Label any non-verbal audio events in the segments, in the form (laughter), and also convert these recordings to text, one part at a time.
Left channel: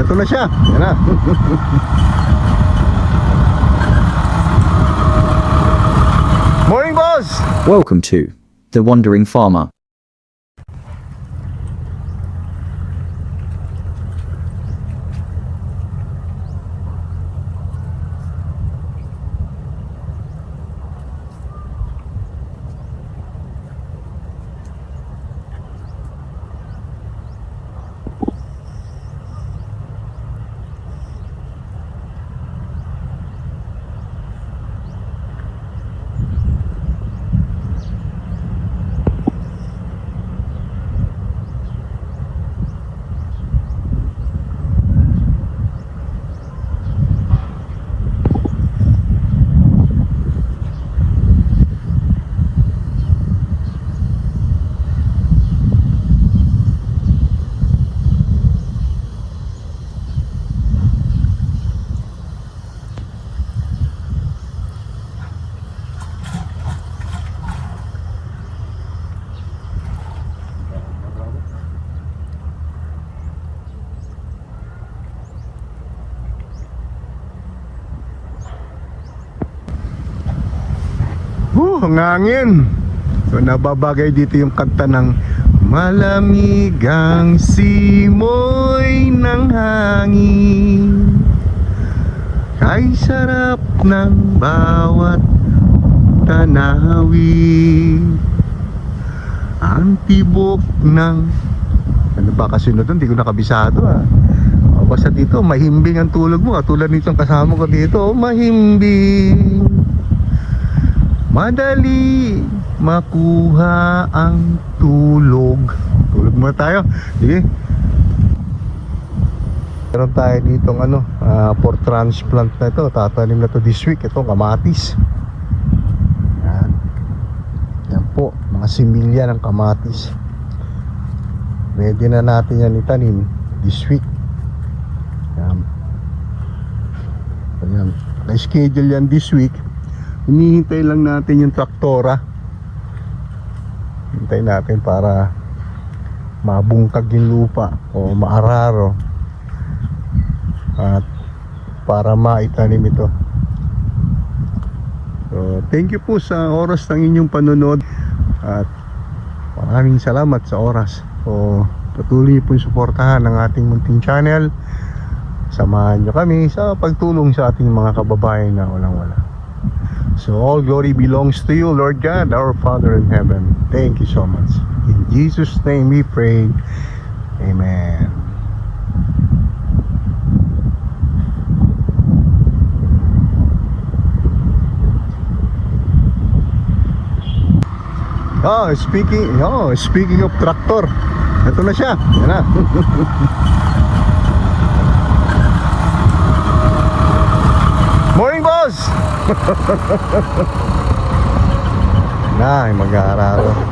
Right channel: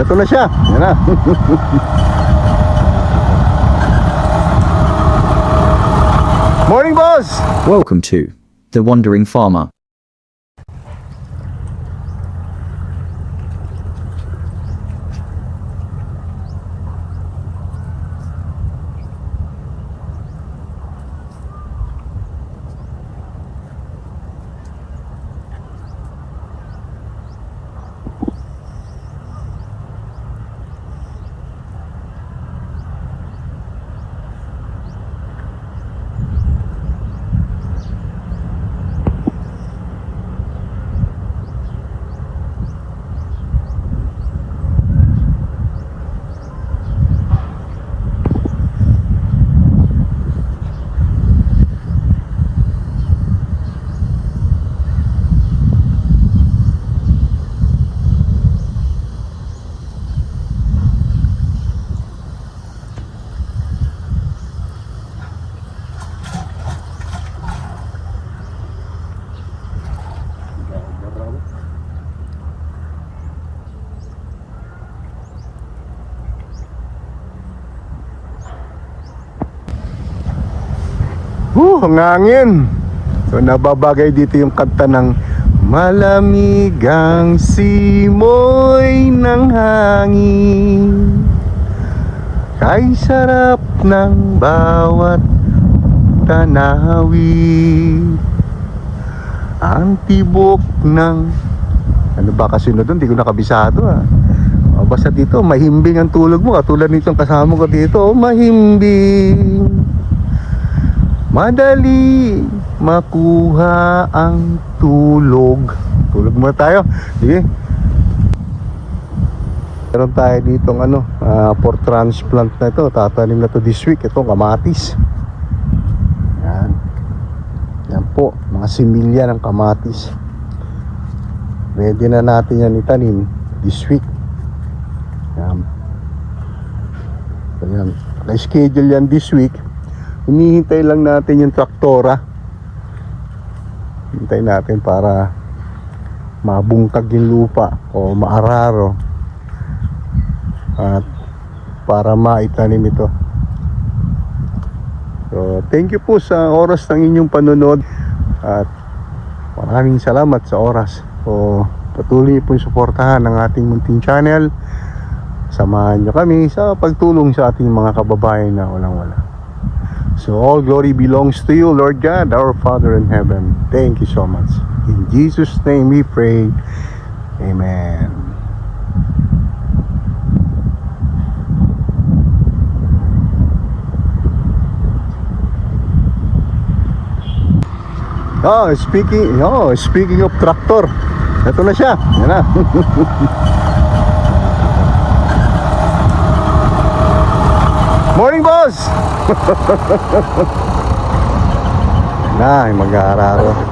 Ito na siya. Yan na. Morning, boss! Welcome to The Wandering Farmer. Uh, ang hangin. So, nababagay dito yung kanta ng Malamigang simoy ng hangin. Kay sarap ng bawat tanawin. Ang tibok ng Ano ba kasunod doon? Hindi ko nakabisado ah. Basta dito, mahimbing ang tulog mo Katulad nitong kasama ko dito oh, Mahimbing Madali makuha ang tulog. Tulog muna tayo. Sige. Meron tayo dito ng ano, ah, for transplant na ito. Tatanim na to this week. Ito, kamatis. Yan. Yan po, mga similya ng kamatis. Ready na natin yan itanim this week. Yan. So, yan. Na-schedule yan this week. Hinihintay lang natin yung traktora. Hintay natin para mabungkag yung lupa o maararo. At para maitanim ito. So, thank you po sa oras ng inyong panunod at maraming salamat sa oras. So, patuloy po suportahan ng ating munting channel. Samahan niyo kami sa pagtulong sa ating mga kababayan na walang-wala. So all glory belongs to you, Lord God, our Father in heaven. Thank you so much. In Jesus' name we pray. Amen. Oh, speaking, oh, speaking of tractor. Ito na siya. Yan na. (laughs) Morning, boss! Na, mag-aararo.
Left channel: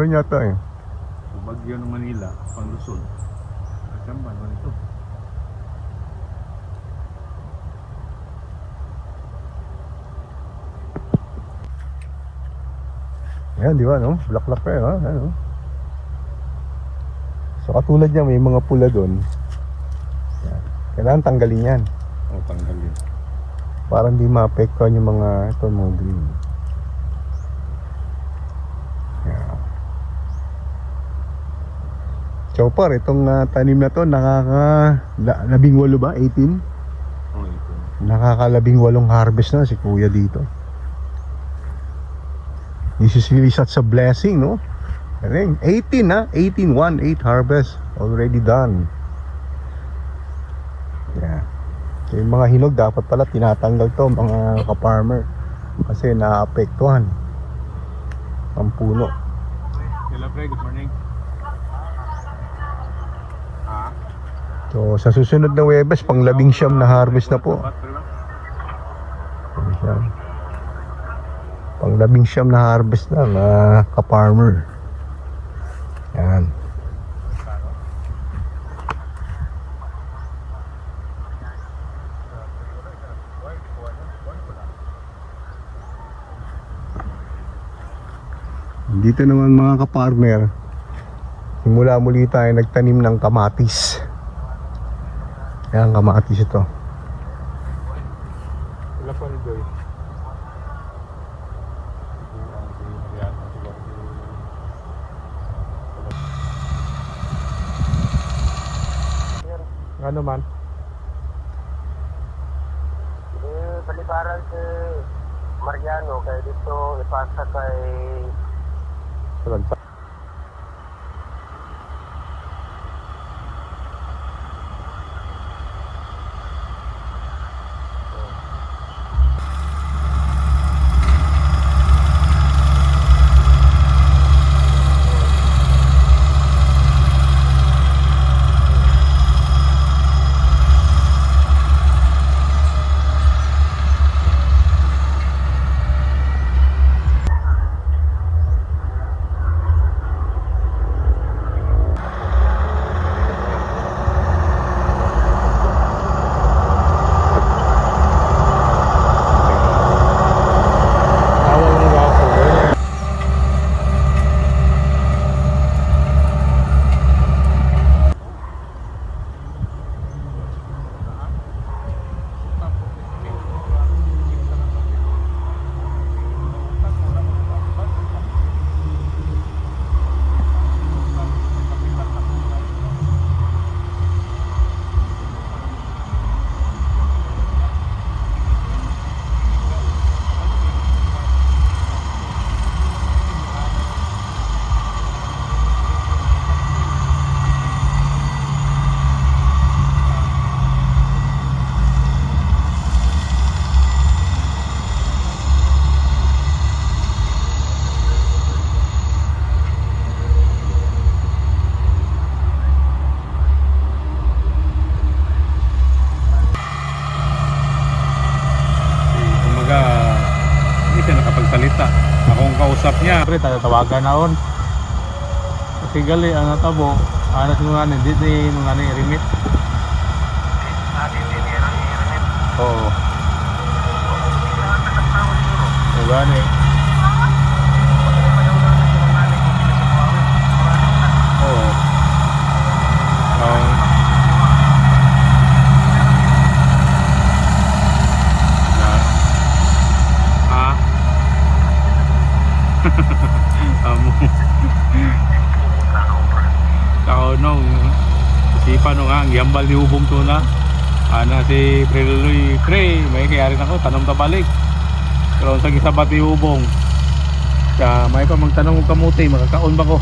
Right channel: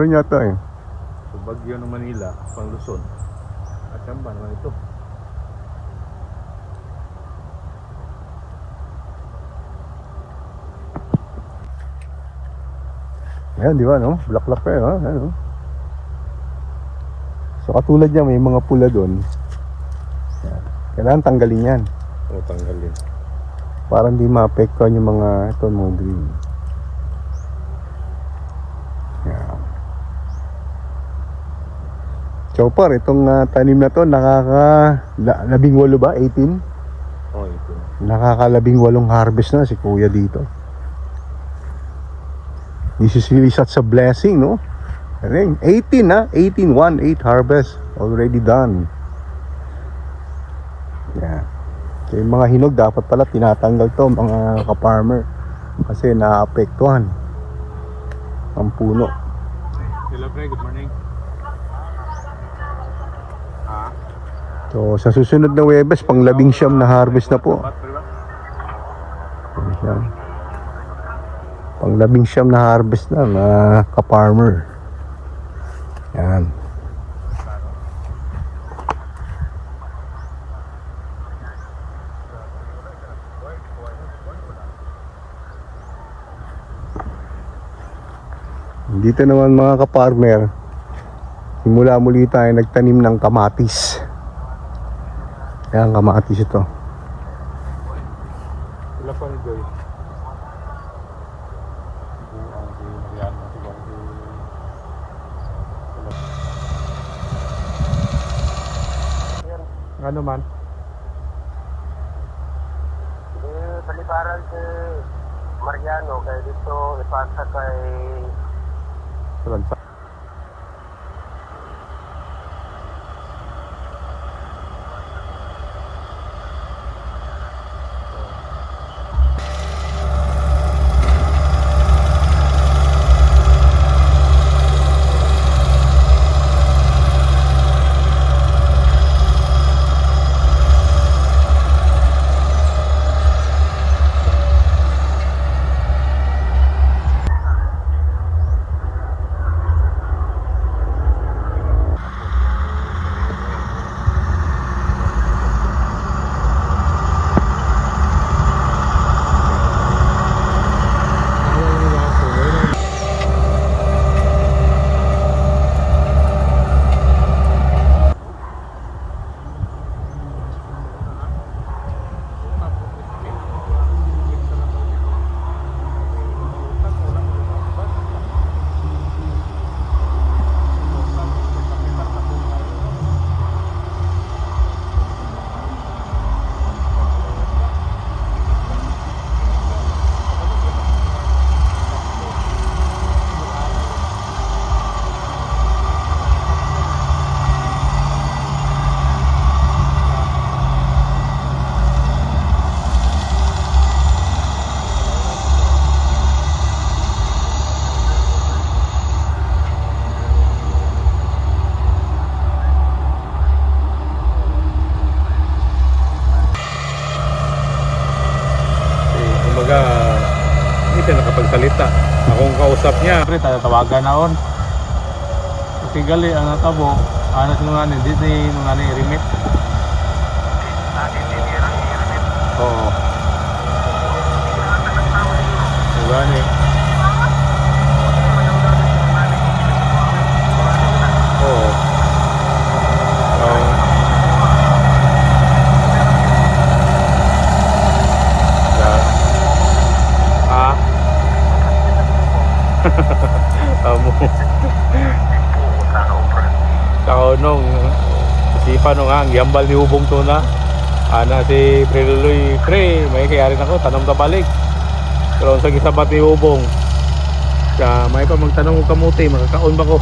Meron yata eh. So, Bagyo ng Manila, pang Luzon. At yan ba, ano ito? Ayan, di ba, no? Black-black pa, no? Ayan, no? So, katulad niya, may mga pula doon. Ayan. Kailangan tanggalin yan. O, tanggalin. Para hindi maapektuhan yung mga ito mga green. Yan. Chopper, itong ah, tanim na to nakaka la- labing walo ba? 18? O, ito. Nakakalabing walong harvest na si kuya dito. This is really such a blessing, no? Yun? 18 na, 18, 1, 8 harvest already done. Yeah. So, yung mga hinog dapat pala tinatanggal to mga ka-farmer kasi naapektuhan ang puno. Hello, pre. Good morning. So sa susunod na Webes, pang labing siyam na harvest na po. Pang labing siyam na harvest na na ka-farmer. Yan. Dito naman mga ka-farmer, simula muli tayo nagtanim ng kamatis. Yan, kamatis ito. Hello, pre. Joy. Ano man? Eh, balibaran si Mariano kaya dito ipasa kay Eh, Kasi gali, ang natabo, ayos nung nga, din nung nga i-remit. Oo. Ang gani. Oo. Yeah. Ah. (laughs) yambal ni Ubong to na. Ana si Preluloy, pre, may kaya rin ako, tanong ka balik. Pero sa gisabat ni Ubong, siya, may pa magtanong ko kamuti, makakaon ba ko?